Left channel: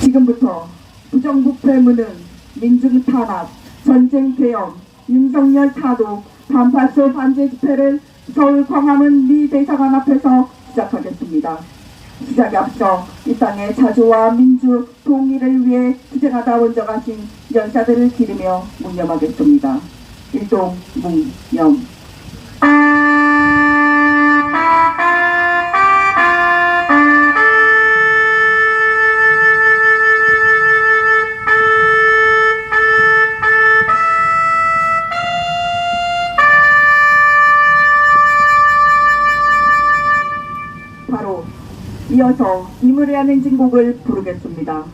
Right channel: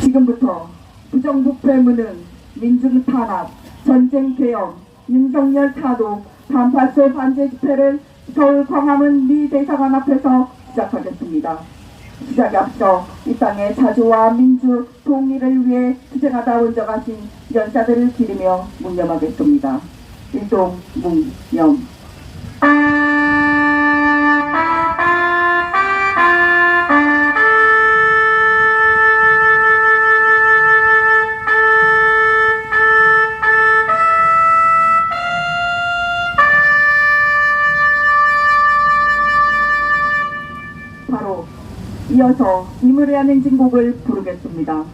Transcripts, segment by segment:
지금부터 부정부패 무능, 민중 탄압, 전쟁 개혁, 윤석열 타도, 반파쇼 반제 집회를 서울 광화문 미 대사관 앞에서 시작하겠습니다. 시작에 앞서 이 땅의 자주와 민주 통일을 위해 투쟁하다 원정하신 연사들을 기리며 묵념하겠습니다. 일동 묵념. 바로 이어서 이무리한 행진곡을 부르겠습니다.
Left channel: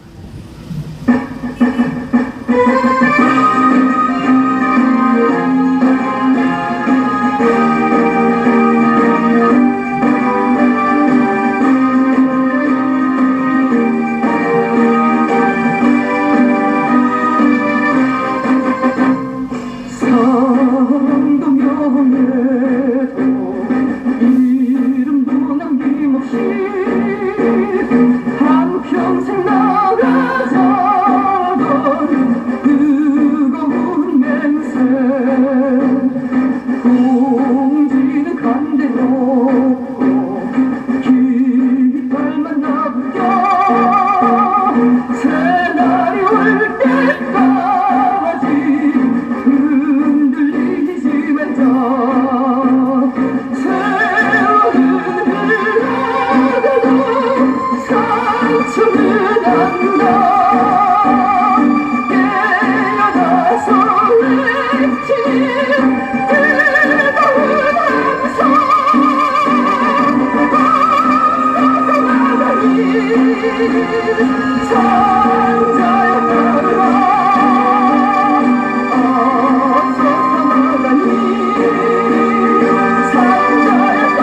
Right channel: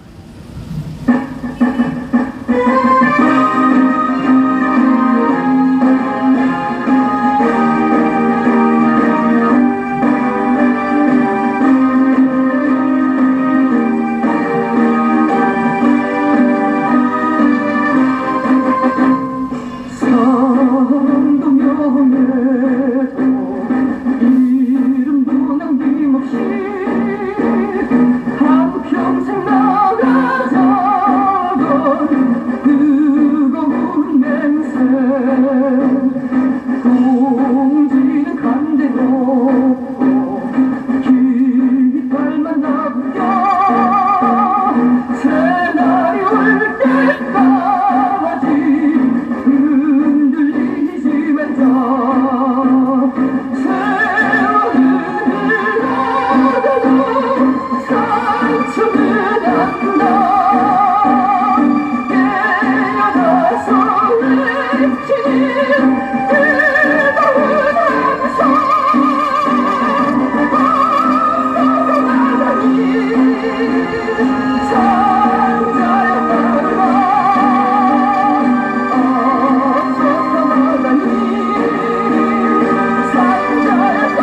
평생 나가자던 뜨거운 냄새 공지는 간대로 깃발만 남겨 새날이 올 때까지 흔들리지 말자 세월은 흘러가도 상처는 안다 깨어나서 외친 뜨거운 함성 나가니 상자였다라 앞서서 나가니 상자였다라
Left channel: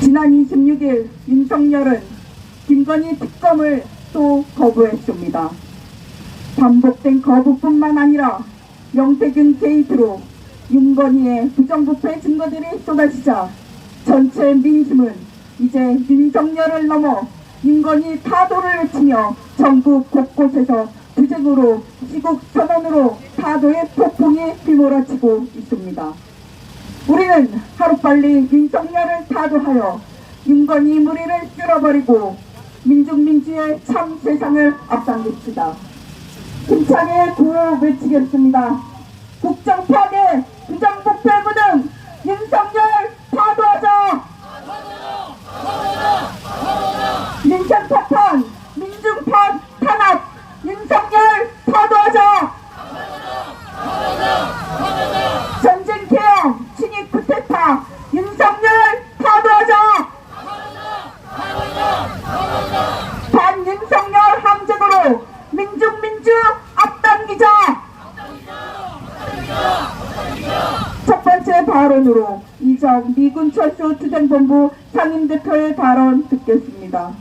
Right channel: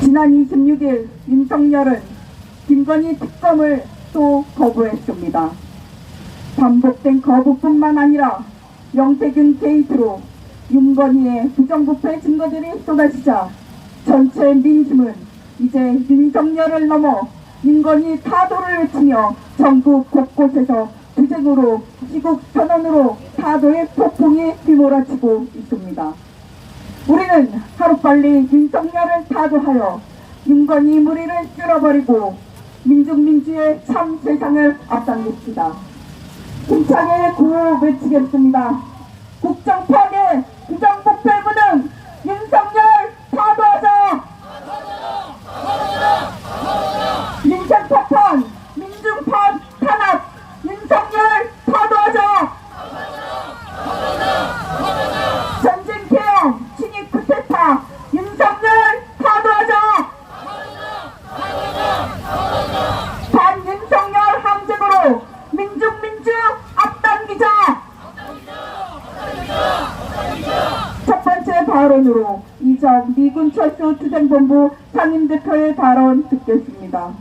지난 26일 윤석열은 김건희 특검을 또 거부했습니다. 반복된 거부뿐만 아니라 명태균 게이트로 윤건희의 부정부패 증거들이 쏟아지자 전체 민심은 이제 윤석열을 넘어 윤건희 타도를 외치며 전국 곳곳에서 투쟁으로 시국 선언으로 타도의 폭풍이 휘몰아치고 있습니다. 우리는 하루빨리 윤석열을 타도하여 윤건희 무리를 쓸어버리고 민중민주의 참 세상을 앞당깁시다. 힘차게 구호 외치겠습니다. 국정 파괴, 부정부패 무능, 윤석열 타도하자! 민생 파탄, 민중 탄압, 윤석열 타도하자! 전쟁 개혁, 진입 쿠데타, 윤석열 타도하자! 반윤석열 함정으로 민중 앞당기자! 첫 번째 발언으로 이전 미군 철수 투쟁본부 상임대표의 발언 듣겠습니다.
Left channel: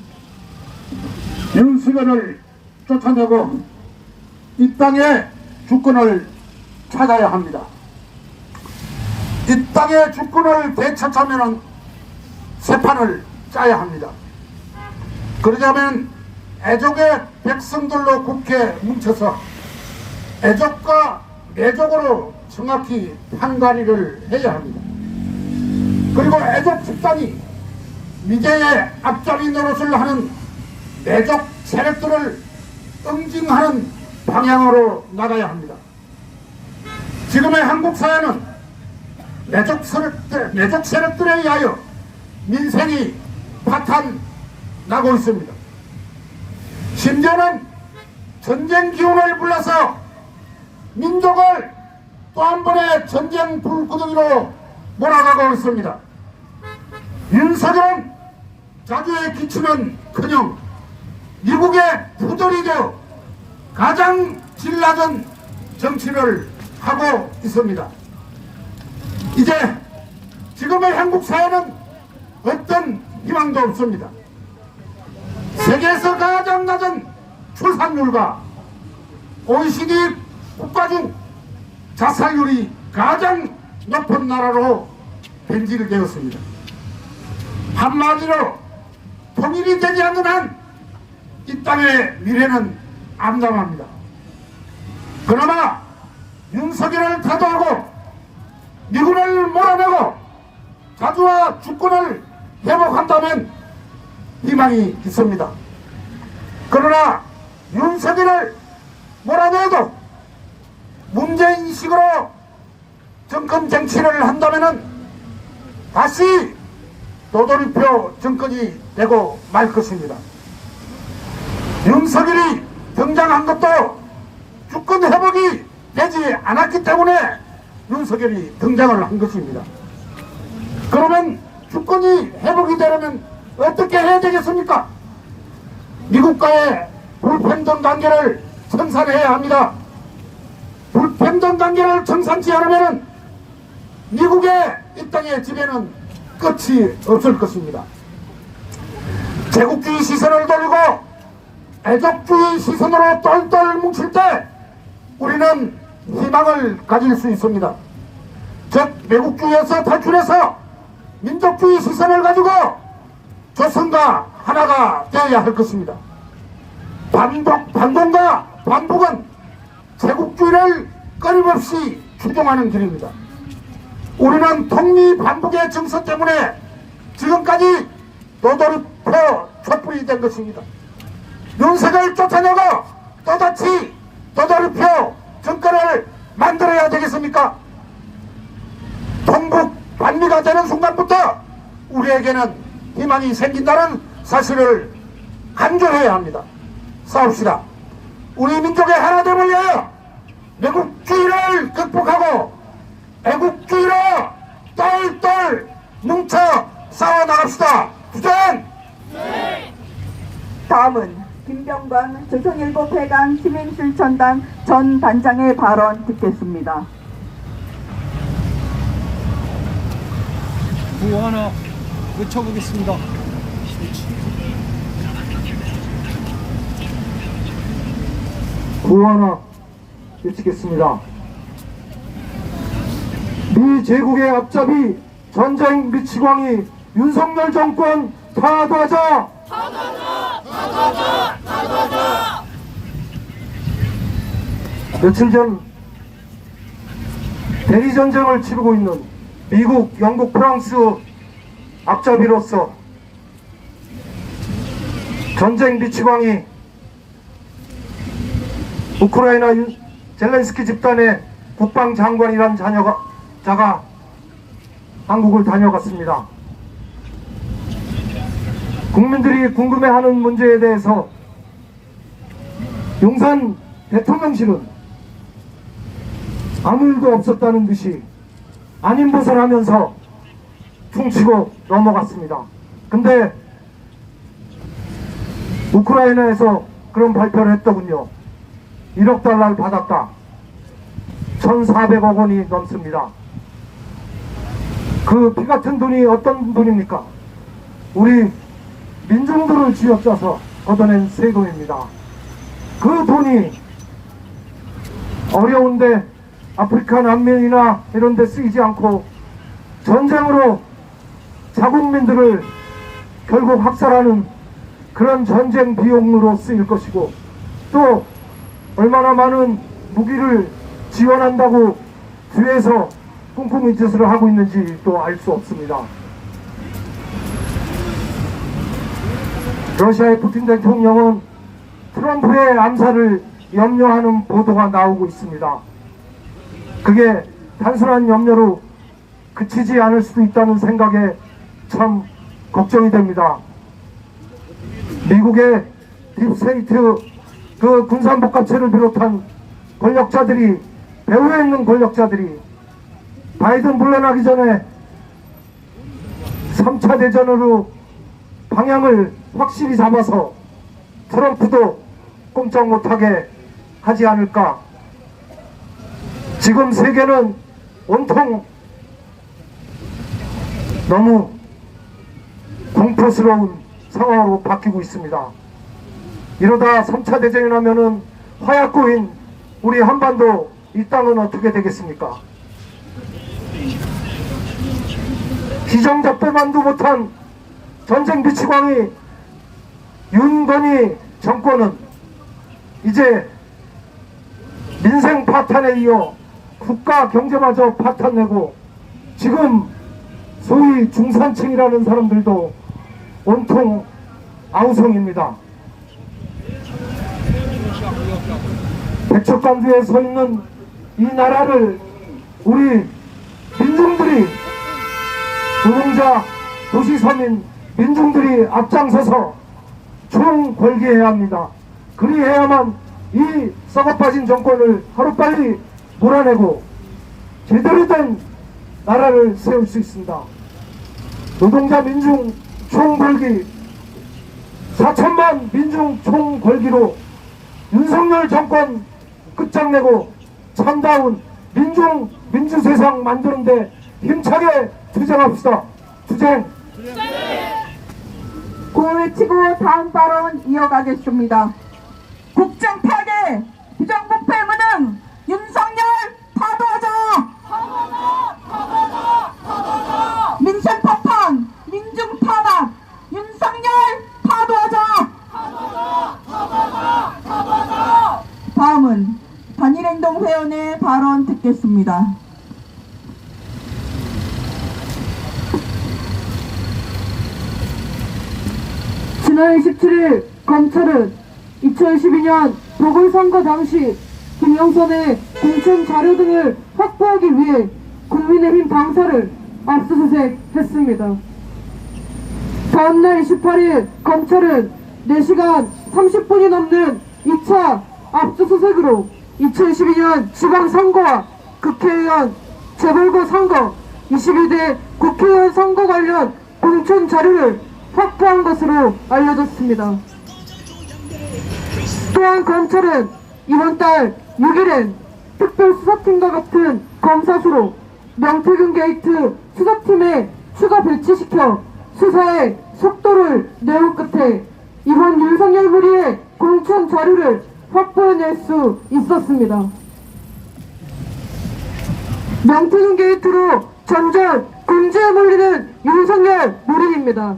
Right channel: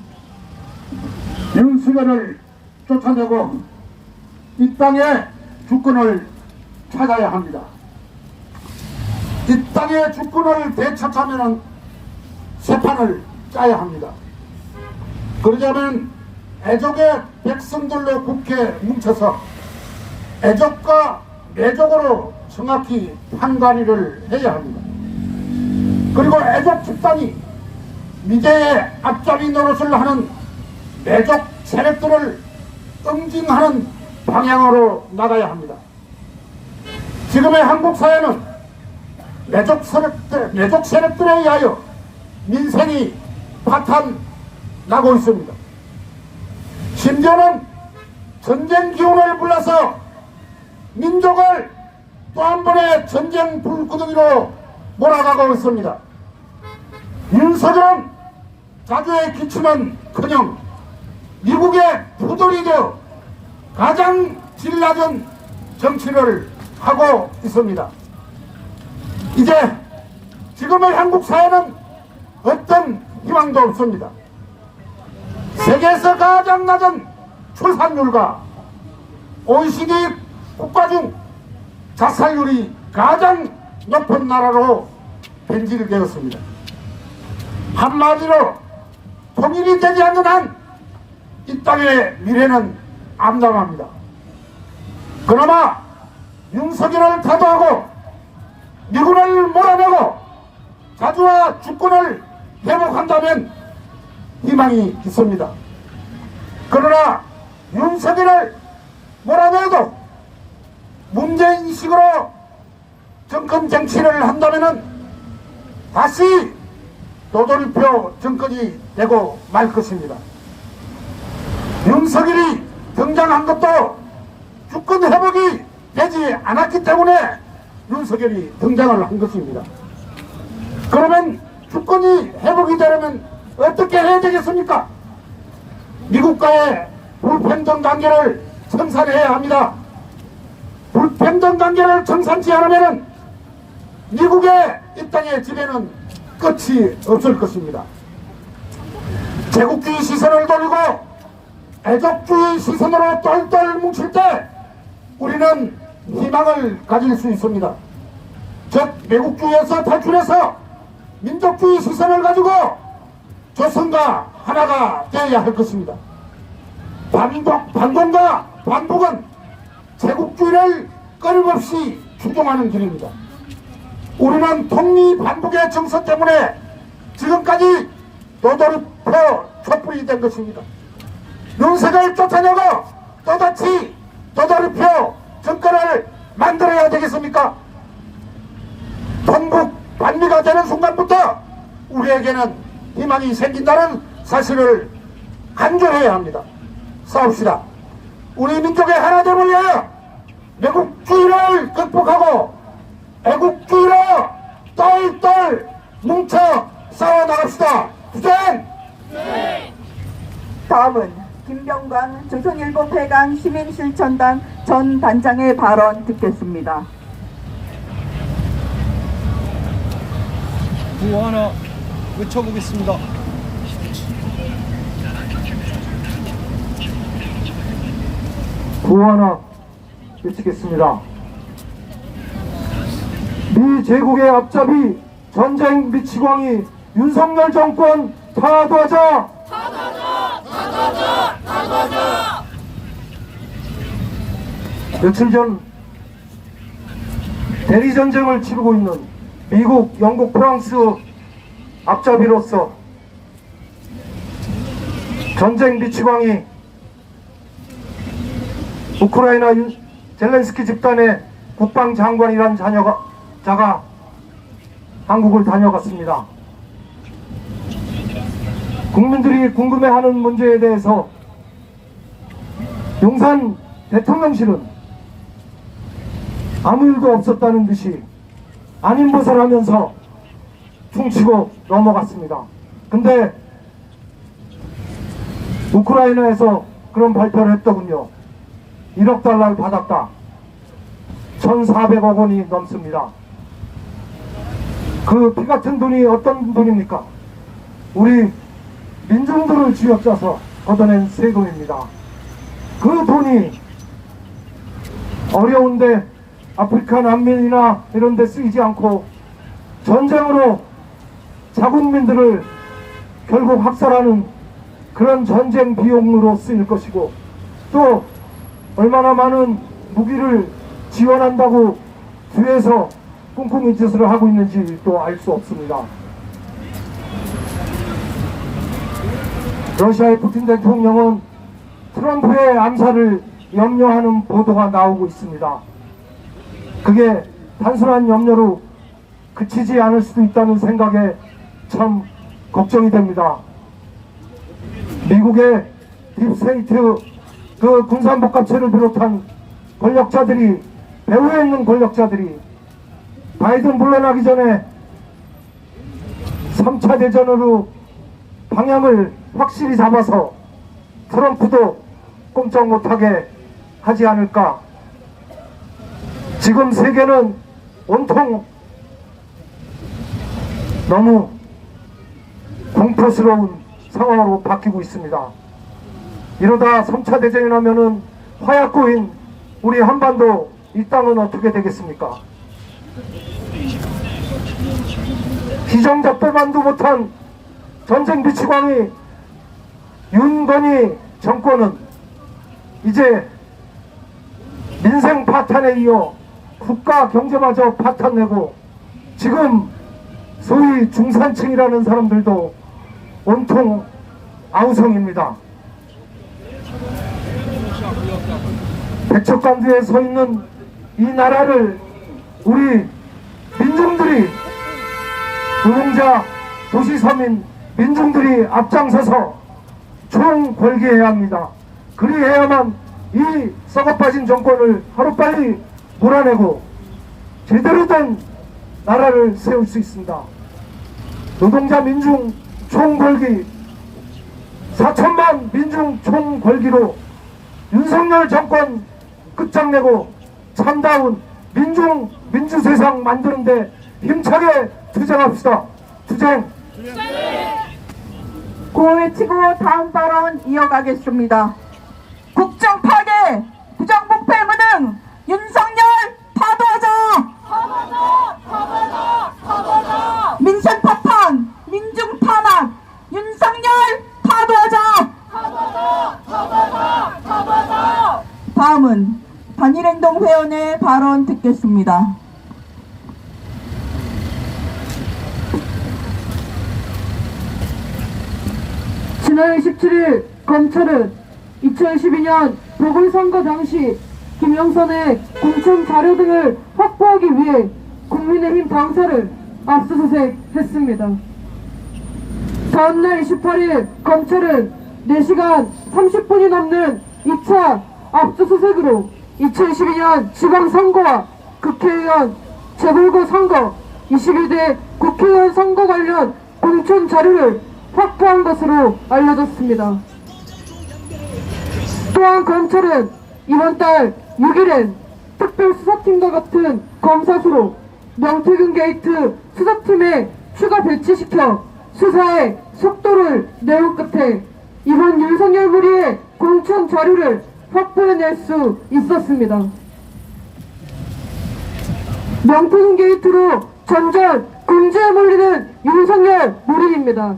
윤석열을 쫓아내고 이 땅의 주권을 찾아야 합니다. 이 땅의 주권을 되찾으면 새 판을 짜야 합니다. 그러자면 애족의 백성들로 국회에 뭉쳐서 애족과 내족으로 정확히 판가리를 해야 합니다. 그리고 애족 집단이 미제의 앞잡이 노릇을 하는 내족 세력들을 응징하는 방향으로 나가야 합니다. 지금의 한국 사회는 내족 세력들에 의하여 민생이 파탄나고 있습니다. 심지어는 전쟁 기운을 불러서 민족을 또 한 번의 전쟁 불구덩이로 몰아가고 있습니다. 윤석열은 자주의 기치는커녕 미국의 부돌이 되어 가장 질 낮은 정치를 하고 있습니다. 이제 지금의 한국 사회는 어떤 희망도 없습니다. 세계에서 가장 낮은 출산율과 OECD 국가 중 자살률이 가장 높은 나라로 변질되었습니다. 한마디로 통일이 되지 않는 한 이 땅의 미래는 암담합니다. 그나마 윤석열을 타도하고 미군을 몰아내고 자주와 주권을 회복한다면 희망이 있습니다. 그러나 윤석열을 몰아내도 문재인식으로 정권 정치를 한다면 다시 도돌이표 정권이 되고 말 것입니다. 윤석열이 등장한 것도 주권 회복이 되지 않았기 때문에 윤석열이 등장을 한 것입니다. 그러면 주권이 회복이 되려면 어떻게 해야 되겠습니까? 미국과의 불평등 관계를 청산해야 합니다. 불평등 관계를 청산치 않으면 미국의 이 땅의 지배는 끝이 없을 것입니다. 제국주의 시선을 돌리고 애족주의 시선으로 똘똘 뭉칠 때 우리는 희망을 가질 수 있습니다. 즉 매국주의에서 탈출해서 민족주의 시선을 가지고 조선과 하나가 되어야 할 것입니다. 반동과 반북은 제국주의를 끊임없이 추종하는 길입니다. 우리는 통미 반북의 정서 때문에 지금까지 도돌이표 촛불이 된 것입니다. 윤석을 쫓아내고 또다시 도돌이표 정권을 만들어야 되겠습니까? 동북 반미가 되는 순간부터 우리에게는 희망이 생긴다는 사실을 간절해야 합니다. 싸웁시다. 우리 민족의 하나됨을 위하여 매국주의를 극복하고 애국주의로 똘똘 뭉쳐 싸워나갑시다. 부전! 다음은 김병관 조선일보 폐강 시민실천단 전 단장의 발언 듣겠습니다. 구호 하나 외쳐보겠습니다. 구호 하나 외치겠습니다. 미 제국의 앞잡이 전쟁 미치광이 윤석열 정권 타도하자! 며칠 전 대리전쟁을 치르고 있는 미국, 영국, 프랑스 앞잡이로서 전쟁 미치광이 우크라이나 젤렌스키 집단의 국방장관이란 자가 한국을 다녀갔습니다. 국민들이 궁금해하는 문제에 대해서 용산 대통령실은 아무 일도 없었다는 듯이 아닌 것을 하면서 퉁치고 넘어갔습니다. 근데 우크라이나에서 그런 발표를 했더군요. 1억 달러를 받았다. 1,400억 원이 넘습니다. 그 피같은 돈이 어떤 돈입니까? 우리 민중들을 쥐어짜서 걷어낸 세금입니다. 그 돈이 어려운데 아프리카 난민이나 이런 데 쓰이지 않고 전쟁으로 자국민들을 결국 학살하는 그런 전쟁 비용으로 쓰일 것이고, 또 얼마나 많은 무기를 지원한다고 뒤에서 꿍꿍이 짓을 하고 있는지 또 알 수 없습니다. 러시아의 푸틴 대통령은 트럼프의 암살을 염려하는 보도가 나오고 있습니다. 그게 단순한 염려로 그치지 않을 수도 있다는 생각에 참 걱정이 됩니다. 미국의 딥스테이트 그 군산복합체를 비롯한 권력자들이, 배후에 있는 권력자들이 바이든 물러나기 전에 3차 대전으로 방향을 확실히 잡아서 트럼프도 꼼짝 못하게 하지 않을까. 지금 세계는 온통 너무 공포스러운 상황으로 바뀌고 있습니다. 이러다 3차 대전이 나면은 화약고인 우리 한반도 이 땅은 어떻게 되겠습니까? 희정작배만도 못한 전쟁 미치광이 윤건희 정권은 이제 민생 파탄에 이어 국가 경제마저 파탄내고 지금 소위 중산층이라는 사람들도 온통 아우성입니다. 백척간두에 서 있는 이 나라를 우리 민중들이, 노동자, 도시서민 민중들이 앞장서서 총궐기해야 합니다. 그리해야만 이 썩어빠진 정권을 하루빨리 몰아내고 제대로 된 나라를 세울 수 있습니다. 노동자 민중 총궐기, 4천만 민중 총궐기로 윤석열 정권 끝장내고 참다운 민주세상 만드는데 힘차게 투쟁합시다. 투쟁! 구호 외치고 다음 발언 이어가겠습니다. 국정 파괴, 부정부패 무능, 윤석열 파도하자! 민생 파탄, 민중 탄압, 윤석열 파도하자! 다음은 단일행동회원의 발언 듣겠습니다. 지난 27일 검찰은 2012년 보궐선거 당시 김영선의 공천 자료 등을 확보하기 위해 국민의힘 당사를 압수수색했습니다. 다음날 28일 검찰은 4시간 30분이 넘는 2차 압수수색으로 2012년 지방선거와 국회의원 재보궐선거 21대 국회의원 선거 관련 공천 자료를 확보한 것으로 알려졌습니다. 또한 검찰은 이번 달 6일엔 특별수사팀과 같은 검사수로 명태균 게이트 수사팀에 추가 배치시켜 수사의 속도를 내온 끝에 이번 윤석열 무리의 공천 자료를 확보해낼 수 있었습니다. 명태균 게이트로 점점 궁지에 몰리는 윤석열 무리입니다.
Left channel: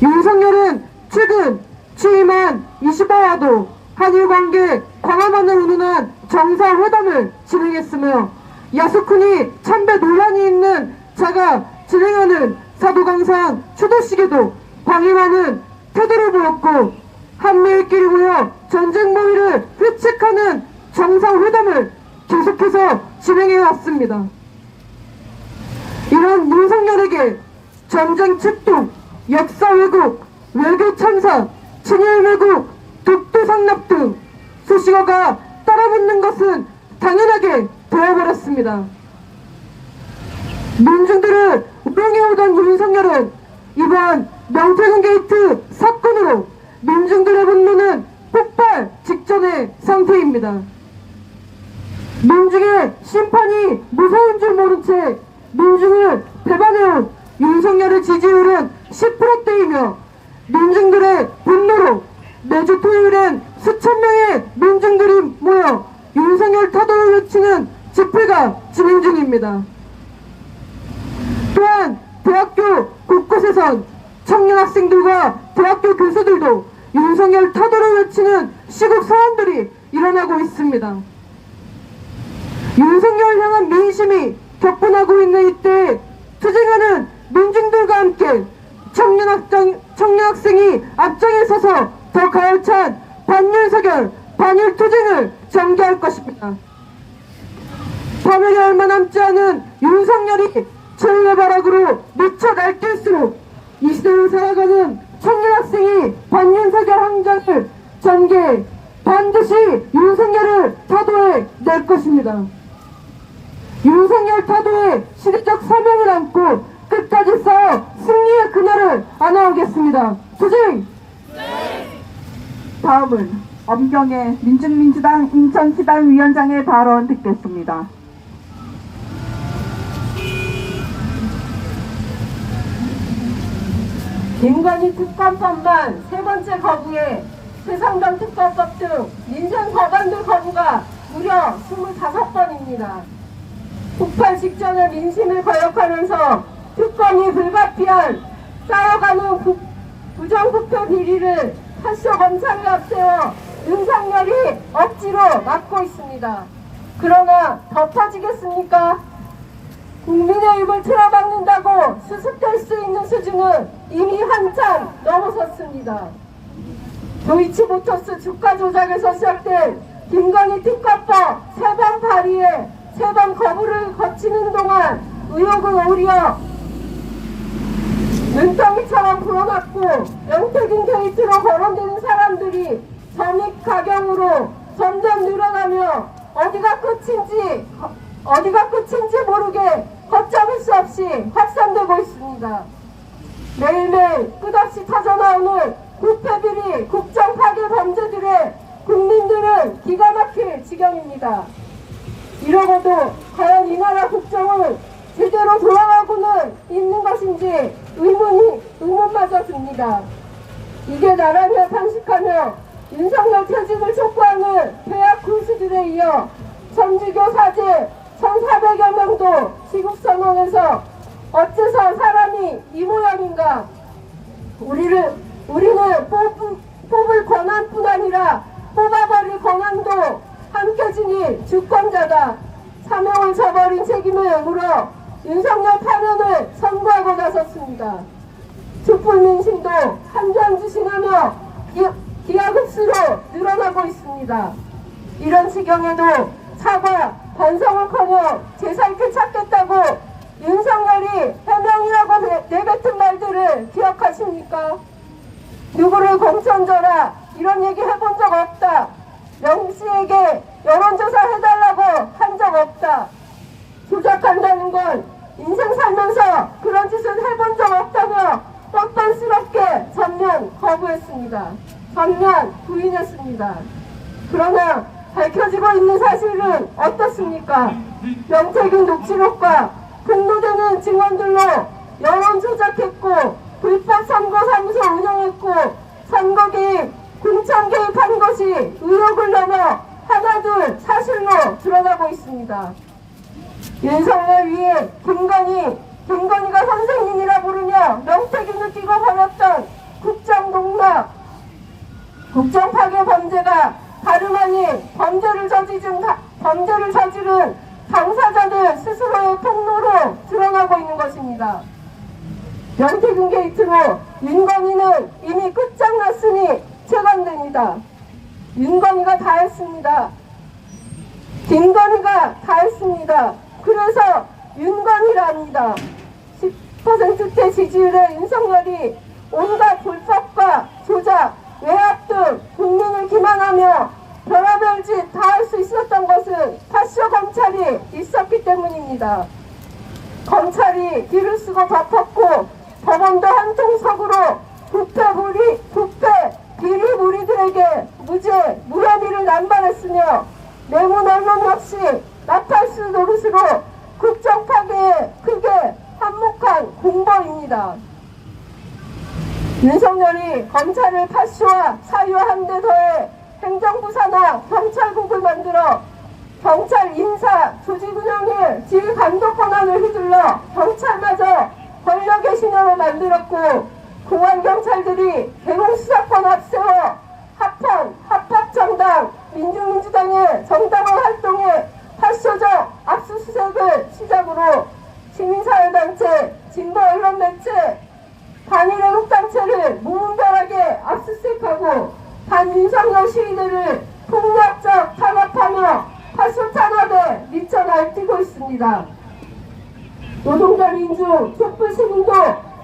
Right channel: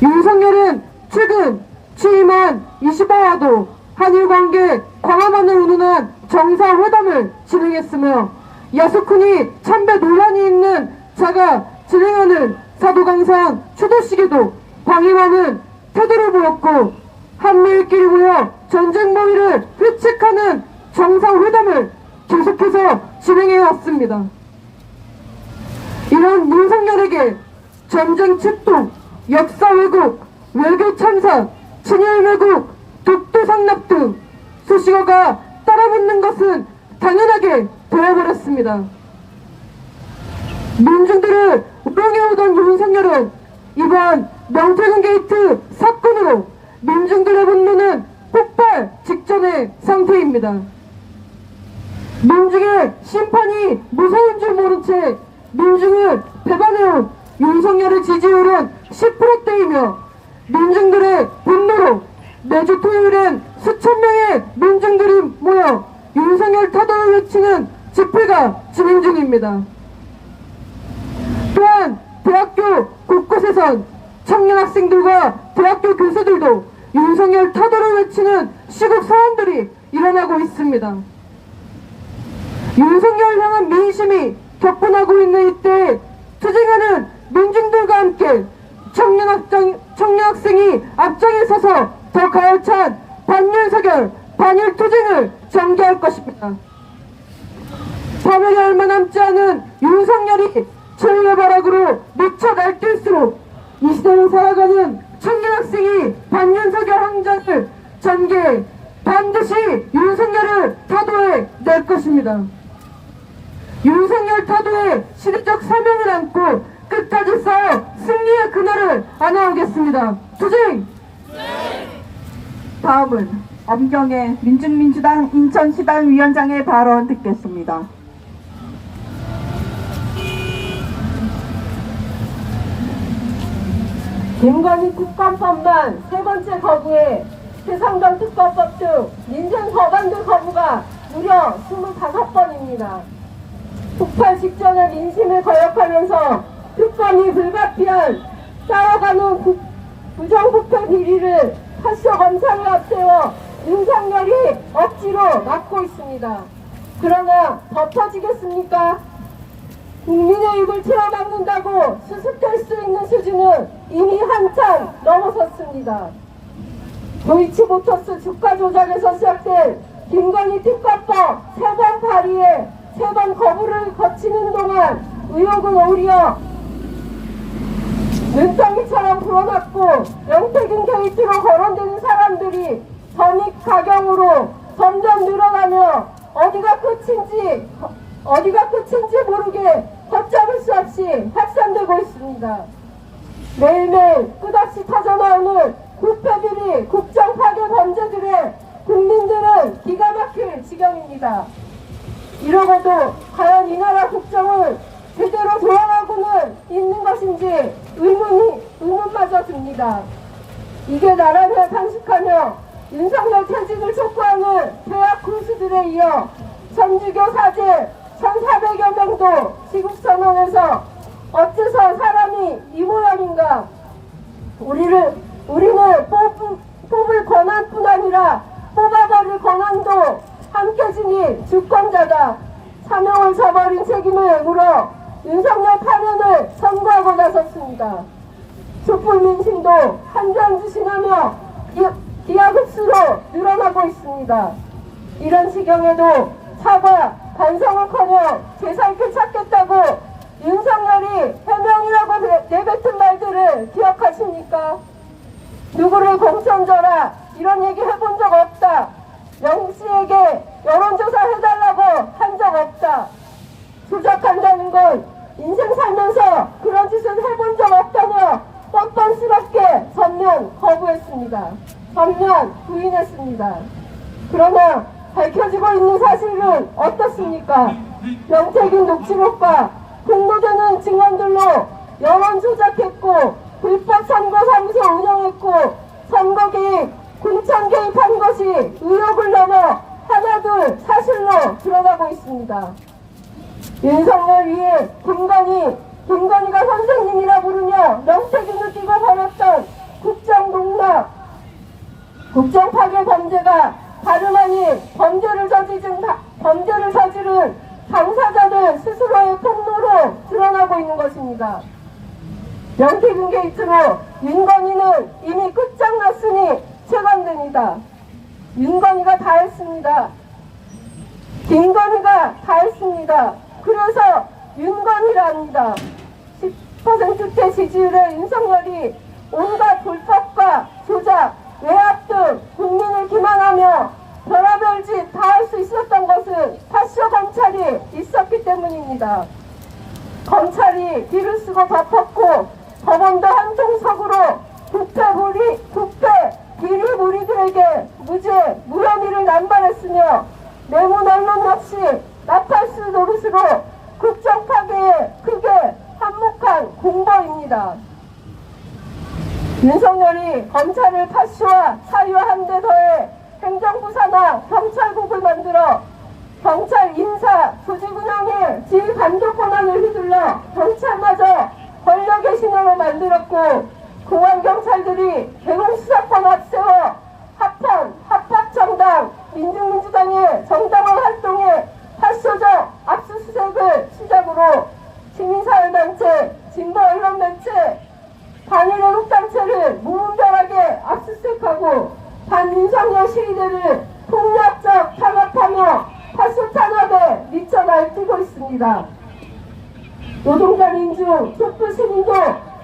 윤석열은 최근 취임한 25화도 한일관계 광화문을 운운한 정상회담을 진행했으며 야스쿠니 참배 논란이 있는 자가 진행하는 사도강산 추도식에도 방임하는 태도를 보였고 한미일끼리 모여 전쟁 모의를 회칙하는 정상회담을 계속해서 진행해왔습니다. 이런 윤석열에게 전쟁 책동, 역사 왜곡, 외교 참사, 친일 왜곡, 독도 상납 등 수식어가 따라붙는 것은 당연하게 되어버렸습니다. 민중들을 우롱해오던 윤석열은 이번 명태균 게이트 사건으로 민중들의 분노는 폭발 직전의 상태입니다. 민중의 심판이 무서운 줄 모른 채 민중을 배반해온 윤석열의 지지율은 10%대이며 민중들의 분노로 매주 토요일엔 수천 명의 민중들이 모여 윤석열 타도를 외치는 집회가 진행 중입니다. 또한 대학교 곳곳에선 청년 학생들과 대학교 교수들도 윤석열 타도를 외치는 시국 사원들이 일어나고 있습니다. 윤석열 향한 민심이 격분하고 있는 이때 투쟁하는 민중들과 함께 청년 학생이 앞장에 서서 더 가열찬 반윤석열, 반일 투쟁을 전개할 것입니다. 파멸이 얼마 남지 않은 윤석열이 최후의 발악으로 미쳐 날뛸수록 이 시대를 살아가는 청년 학생이 반윤석열 항전을 전개해 반드시 윤석열을 타도해 낼 것입니다. 윤석열 타도의 시대적 사명을 안고 끝까지 싸워 승리의 그날을 안아오겠습니다. 투쟁! 다음은 엄정혜 민중민주당 인천시당 위원장의 발언 듣겠습니다. 김건희 특감법만 세 번째 거부에 세상경 특검법 등 민생 법안들 거부가 무려 25번입니다. 폭발 직전에 민심을 거역하면서 특검이 불가피한 쌓여가는 부정부패 비리를 파쇼 검찰을 앞세워 윤석열이 억지로 막고 있습니다. 그러나 덮어지겠습니까? 국민의 입을 틀어막는다고 수습될 수 있는 수준은 이미 한참 넘어섰습니다. 도이치모터스 주가 조작에서 시작된 김건희 특검법 3번 발의에 3번 거부를 거치는 동안 의혹은 오히려 눈덩이처럼 불어났고 명태균 게이트로 거론되는 사람들이 전입가경으로 점점 늘어나며 어디가 끝인지 모르게 걷잡을 수 없이 확산되고 있습니다. 매일매일 끝없이 터져나오는 부패비리 국정 파괴 범죄들의 국민들은 기가 막힐 지경입니다. 이러고도 과연 이 나라 국정은 제대로 돌아가고는 있는 것인지 의문마저 듭니다. 이게 나라를 탄식하며 윤석열 퇴직을 촉구하는 대학 교수들에 이어 천주교 사제 1,400여 명도 지국선언에서 어째서 사람이 이 모양인가? 우리는 뽑을 권한뿐 아니라 뽑아버릴 권한도 함께 지닌 주권자다. 사명을 저버린 책임을 물어 윤석열 파면을 선고하고 나섰습니다. 촛불 민심도 한장 지나며 기하급수로 늘어나고 있습니다. 이런 지경에도 사과, 반성을커녕 제살길 찾겠다고 윤석열이 해명이라고 내뱉은 말들을 기억하십니까? 누구를 공천져라 이런 얘기 해본 적 없다. 영씨에게 여론조사 해달라고 한 적 없다. 조작한다는 건 인생 살면서 그런 짓을 해본 적 없다며 뻔뻔스럽게 전면 거부했습니다. 전면 부인했습니다. 그러나 밝혀지고 있는 사실은 어떻습니까? 명태균 녹취록과 공모되는 증언들로 여론 조작했고 불법 선거사무소 운영했고 선거 개입, 공천 개입한 것이 의혹을 넘어 하나둘 사실로 드러나고 있습니다. 윤석열 위에 김건희가 선생님이라 부르며 명태균을 끼고 벌였던 국정농락, 국정파괴 범죄가 다름 아닌 범죄를 저지른 당사자들 스스로의 폭로로 드러나고 있는 것입니다. 명태균 게이트로 윤건희는 이미 끝장났으니 체감됩니다. 윤건희가 다 했습니다. 김건희가 다 했습니다. 그래서 윤건희랍니다. 10%대 지지율의 윤석열이 온갖 불법과 조작, 외압 등 국민을 기만하며 별의별 짓 다 할 수 있었던 것은 파쇼 검찰이 있었기 때문입니다. 검찰이 뒤를 쓰고 덮었고 법원도 한통속으로 국회 비리 무리들에게 무혐의를 남발했으며 내문 언론 역시 나팔수 노릇으로 국정 파괴에 크게 한몫한 공범입니다. 윤석열이 검찰을 파쇼와 사유한 데 더해 행정부 산하 경찰국을 만들어 경찰 인사 조직 운영에 지휘 감독 권한을 휘둘러 경찰마저 권력의 신호로 만들었고 공안경찰들이 대공수사권 앞세워 합법정당 민주당의 정당화 활동에 파쇼적 압수수색을 시작으로 시민사회단체, 진보 언론 매체, 반일애국단체를 무분별하게 압수수색하고 반윤석열 시위대를 폭력적 탄압하며 파쇼 탄압에 미쳐 날뛰고 있습니다. 노동자 민중, 촛불 시민도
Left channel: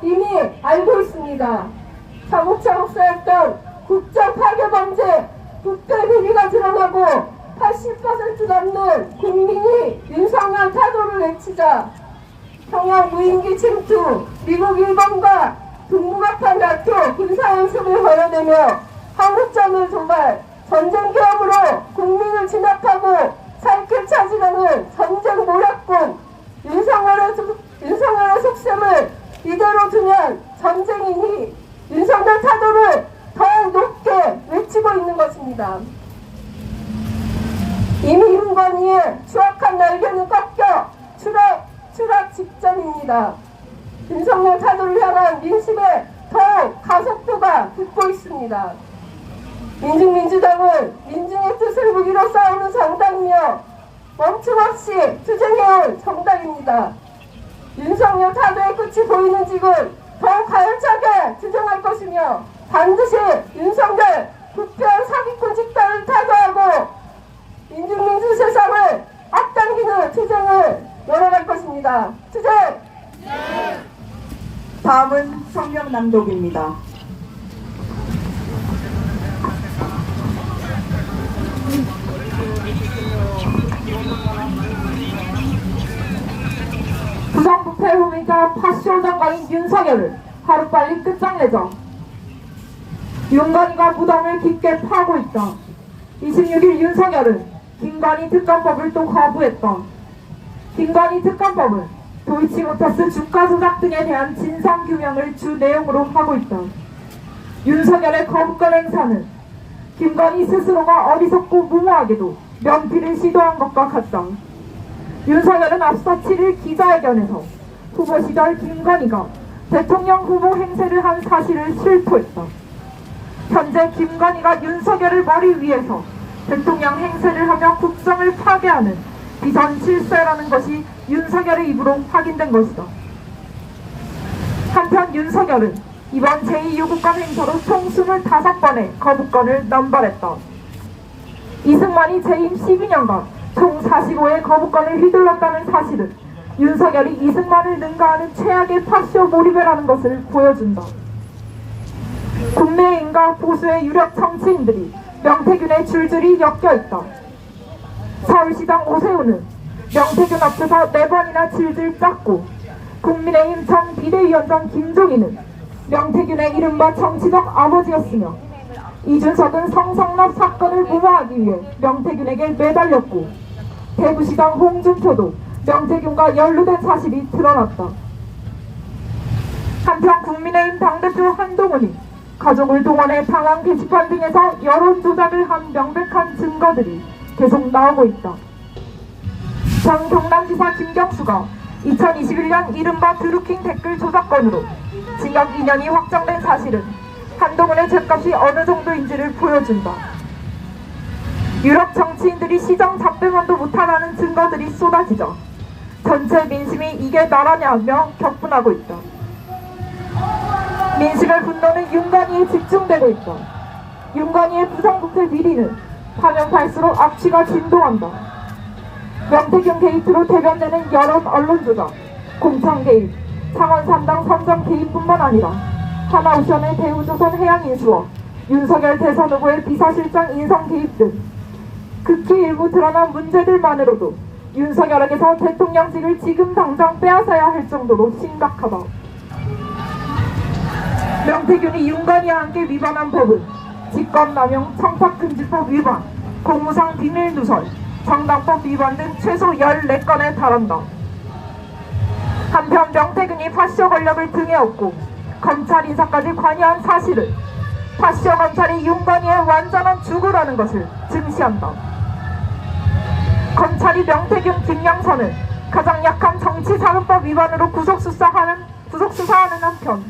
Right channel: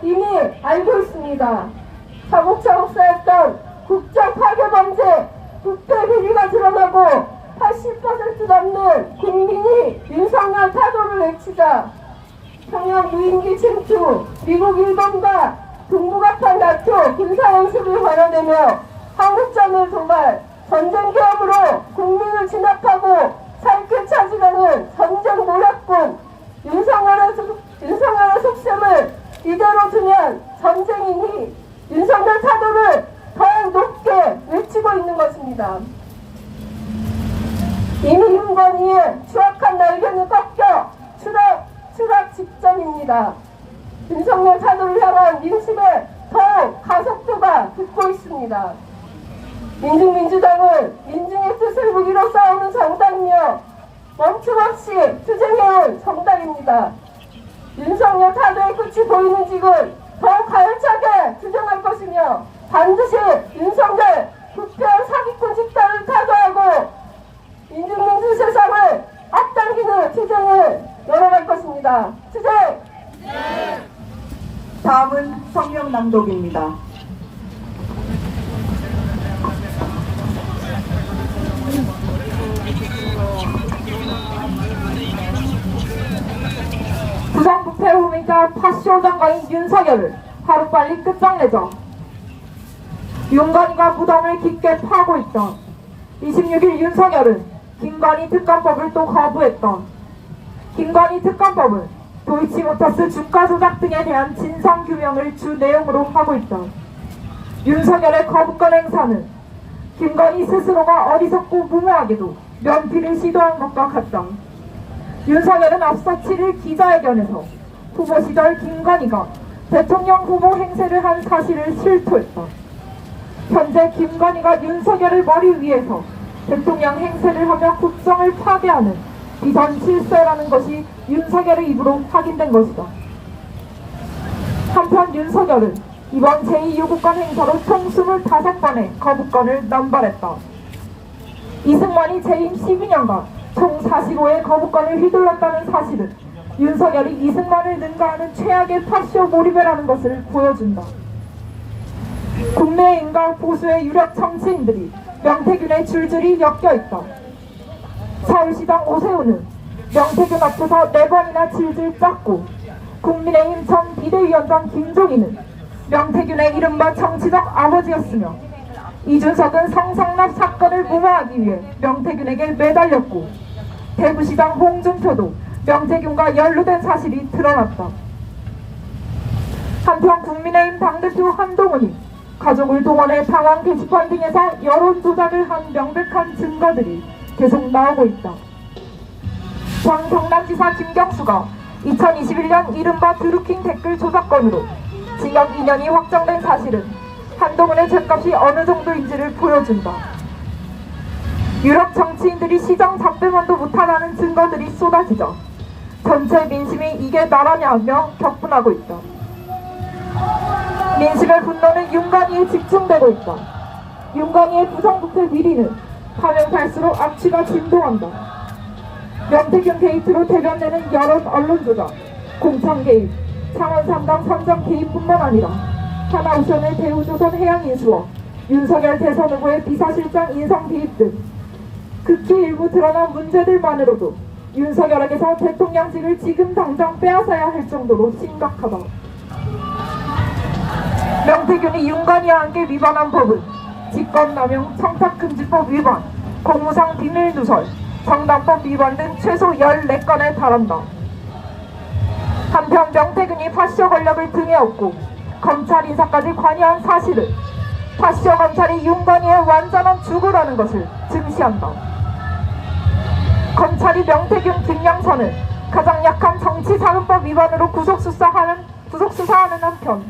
이미 알고 있습니다. 차곡차곡 쌓였던 국정 파괴 범죄, 부패 비리가 드러나고 80% 넘는 국민이 윤석열 타도를 외치자 평양 무인기 침투, 미국 일본과 동북아판 나토 군사연습을 벌여대며 한국전을 도발, 전쟁 계엄으로 국민을 진압하고 살길 찾으려는 전쟁 모략군 윤석열의 속셈을 이대로 두면 전쟁이니 윤석열 타도를 더 높게 외치고 있는 것입니다. 이미 윤건희의 추악한 날개는 꺾여 추락 직전입니다. 윤석열 타도를 향한 민심의 더욱 가속도가 붙고 있습니다. 민중민주당은 민중의 뜻을 무기로 싸우는 정당이며 멈춤없이 투쟁해온 정당입니다. 윤석열 타도의 끝이 보이는 지금 더욱 가열차게 투쟁할 것이며 반드시 윤석열 부패 사기꾼 집단을 타도하고 민중민주 세상을 앞당기는 투쟁을 열어갈 것입니다. 투쟁! 다음은 성명 낭독입니다. 부정부패 혐의자 파쇼 장관인 윤석열을 하루빨리 끝장내자. 윤건희가 무덤을 깊게 파고 있다. 26일 윤석열은 김건희 특검법을 또 거부했다. 김건희 특검법은 도이치모터스 주가 조작 등에 대한 진상규명을 주 내용으로 하고 있다. 윤석열의 거부권 행사는 김건희 스스로가 어리석고 무모하게도 면피를 시도한 것과 같다. 윤석열은 앞서 7일 기자회견에서 후보 시절 김건희가 대통령 후보 행세를 한 사실을 실토했다. 현재 김건희가 윤석열을 머리 위에서 대통령 행세를 하며 국정을 파괴하는 비선 실세라는 것이 윤석열의 입으로 확인된 것이다. 한편 윤석열은 이번 제2요구권 행사로 총 25번의 거부권을 남발했다. 이승만이 재임 12년간 총 45의 거부권을 휘둘렀다는 사실은 윤석열이 이승만을 능가하는 최악의 파쇼 몰입이라는 것을 보여준다. 국내인과 보수의 유력 정치인들이 명태균에 줄줄이 엮여있다. 서울시장 오세훈은 명태균 앞에서 4번이나 질질 짰고, 국민의힘 전 비대위원장 김종인은 명태균의 이른바 정치적 아버지였으며, 이준석은 성상납 사건을 무마하기 위해 명태균에게 매달렸고, 대구시장 홍준표도 명태균과 연루된 사실이 드러났다. 한편 국민의힘 당대표 한동훈이 가족을 동원해 당원 게시판 등에서 여론 조작을 한 명백한 증거들이 계속 나오고 있다. 전 경남지사 김경수가 2021년 이른바 드루킹 댓글 조작건으로 징역 2년이 확정된 사실은 한동훈의 죗값이 어느 정도인지를 보여준다. 유럽 정치인들이 시정 답변만도 못하다는 증거들이 쏟아지자 전체 민심이 이게 나라냐 하며 격분하고 있다. 민심의 분노는 윤건희에 집중되고 있다. 윤건희의 부정부패 비리는 파면 갈수록 악취가 진동한다. 명태균 게이트로 대변되는 여론 언론 조작, 공천 개입, 창원 3당 선정 개입뿐만 아니라 하나오션의 대우조선 해양인수와 윤석열 대선 후보의 비서실장 인성 개입 등 극히 일부 드러난 문제들만으로도 윤석열에게서 대통령직을 지금 당장 빼앗아야 할 정도로 심각하다. 명태균이 윤건희와 함께 위반한 법은 직권남용, 청탁금지법 위반, 공무상 비밀누설, 정당법 위반 등 최소 14건에 달한다. 한편 명태균이 파쇼 권력을 등에 업고 검찰 인사까지 관여한 사실은 파쇼 검찰이 윤건희의 완전한 주구라는 것을 증시한다. 검찰이 명태균, 김영선을 가장 약한 정치자금법 위반으로 구속수사하는 한편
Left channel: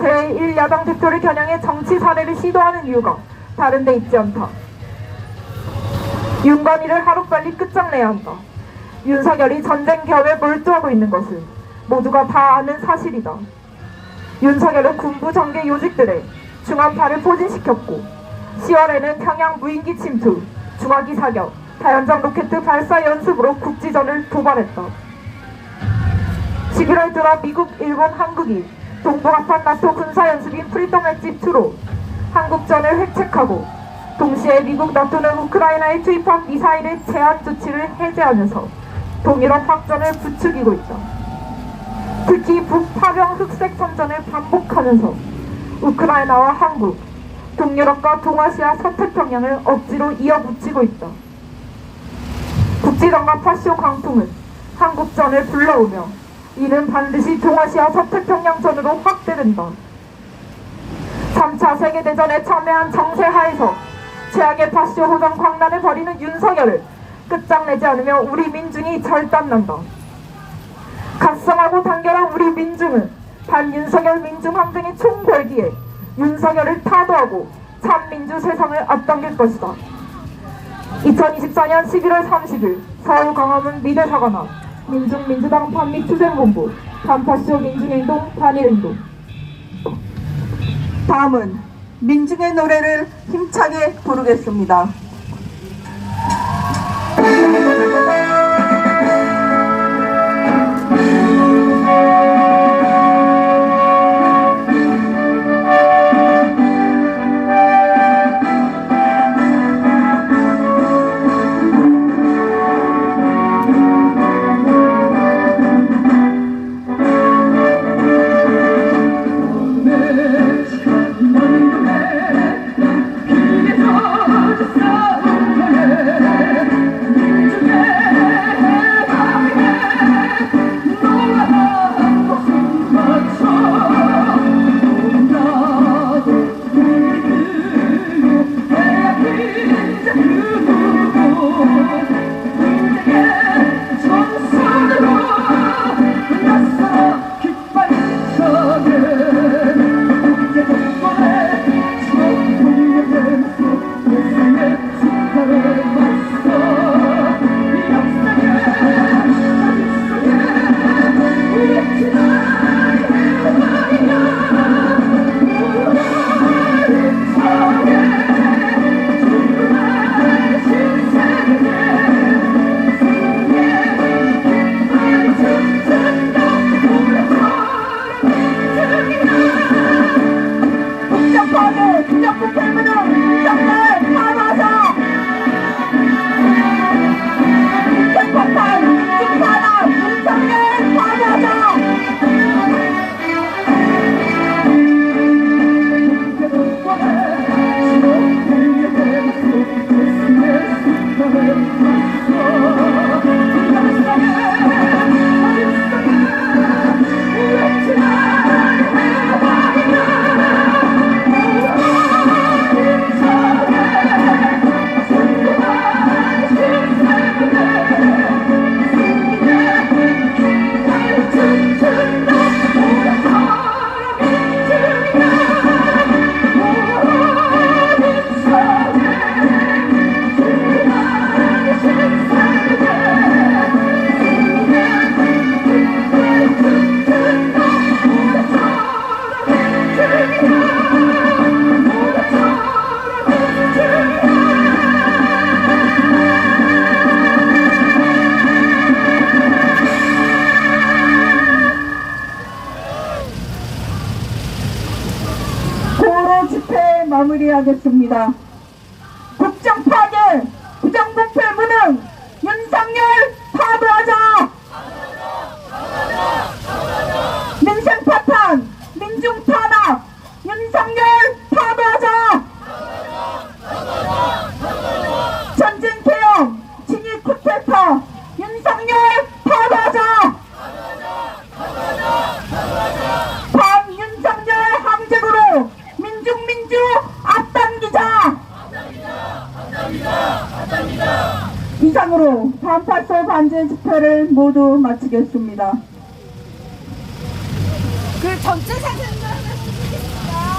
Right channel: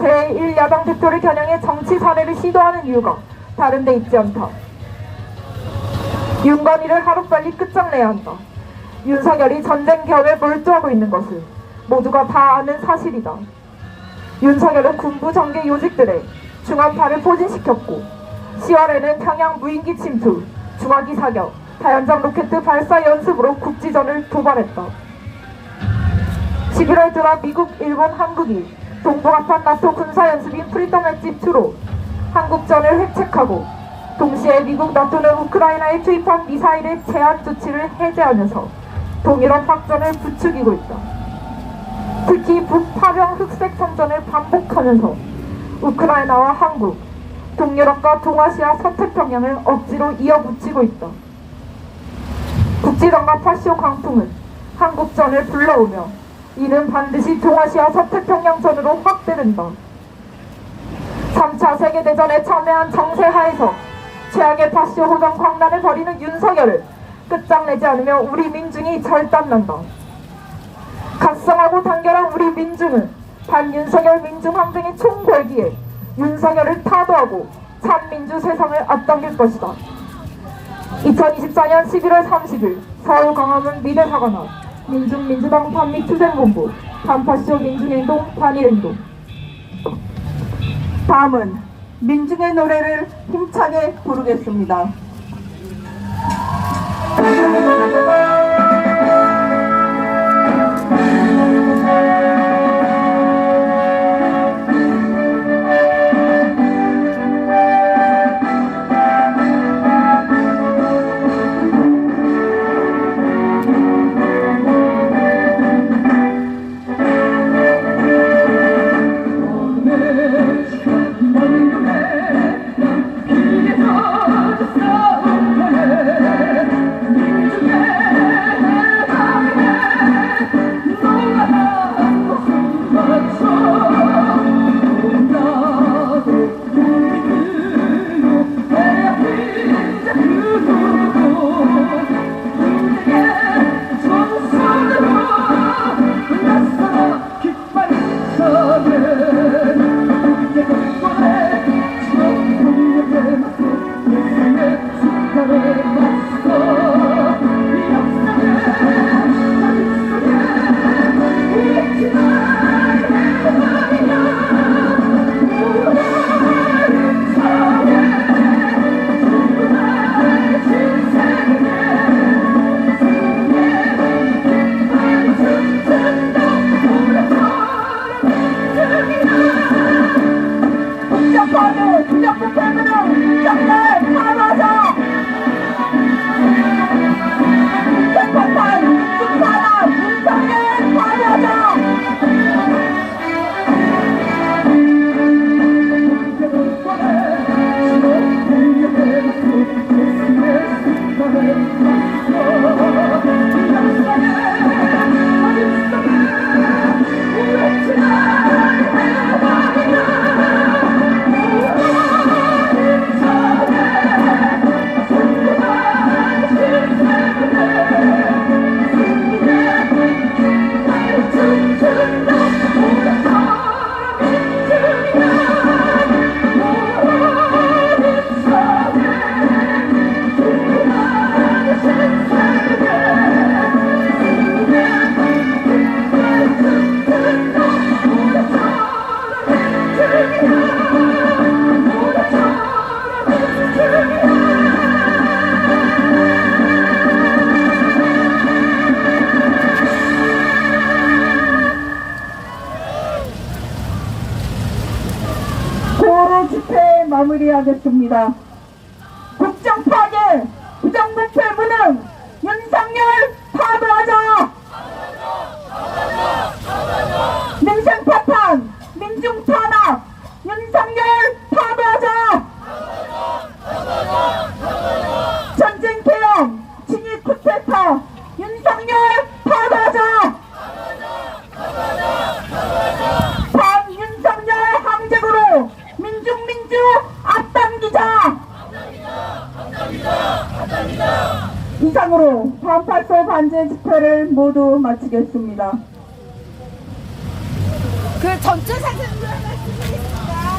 제1야당 대표를 겨냥해 정치 살해를 시도하는 이유가 다른 데 있지 않다. 윤건희를 하루빨리 끝장내야 한다. 윤석열이 전쟁 겸에 몰두하고 있는 것을 모두가 다 아는 사실이다. 윤석열은 군부 정계 요직들의 중한파를 포진시켰고 10월에는 평양 무인기 침투, 중화기 사격, 다연장 로켓 발사 연습으로 국지전을 도발했다. 11월 들어 미국, 일본, 한국이 동북아판 나토 군사연습인 프리덤 엣지 2로 한국전을 획책하고 동시에 미국, 나토는 우크라이나에 투입한 미사일의 제한 조치를 해제하면서 동일원 확전을 부추기고 있다. 특히 북파병 흑색 선전을 반복하면서 우크라이나와 한국, 동유럽과 동아시아 서태평양을 억지로 이어붙이고 있다. 국지전과 파쇼 광풍은 한국전을 불러오며 이는 반드시 동아시아 서태평양전으로 확대된다. 3차 세계대전에 참여한 정세하에서 최악의 파쇼 호전 광란을 벌이는 윤석열을 끝장내지 않으면 우리 민중이 절단난다. 각성하고 단결한 우리 민중은 윤석열 민중항 등의 총궐기에 윤석열을 타도하고 참민주 세상을 앞당길 것이다. 2024년 11월 30일 서울 광화문 미대사관 앞 민중민주당 반미투쟁본부 반파쇼 민중행동 단일행동. 다음은 민중의 노래를 힘차게 부르겠습니다. 집회 마무리하겠습니다. 국정 파괴, 부정부패 무능, 윤석열 파도하자! 민생 파탄, 민중 탄압, 윤석열 파도하자! 전쟁 개혁, 진입 쿠데타, 윤석열 파도하자! 반윤석열 항쟁으로 민중 앞당기자! 이상으로 반파쇼 반제 집회를 모두 마치겠습니다. 그 전체 사진과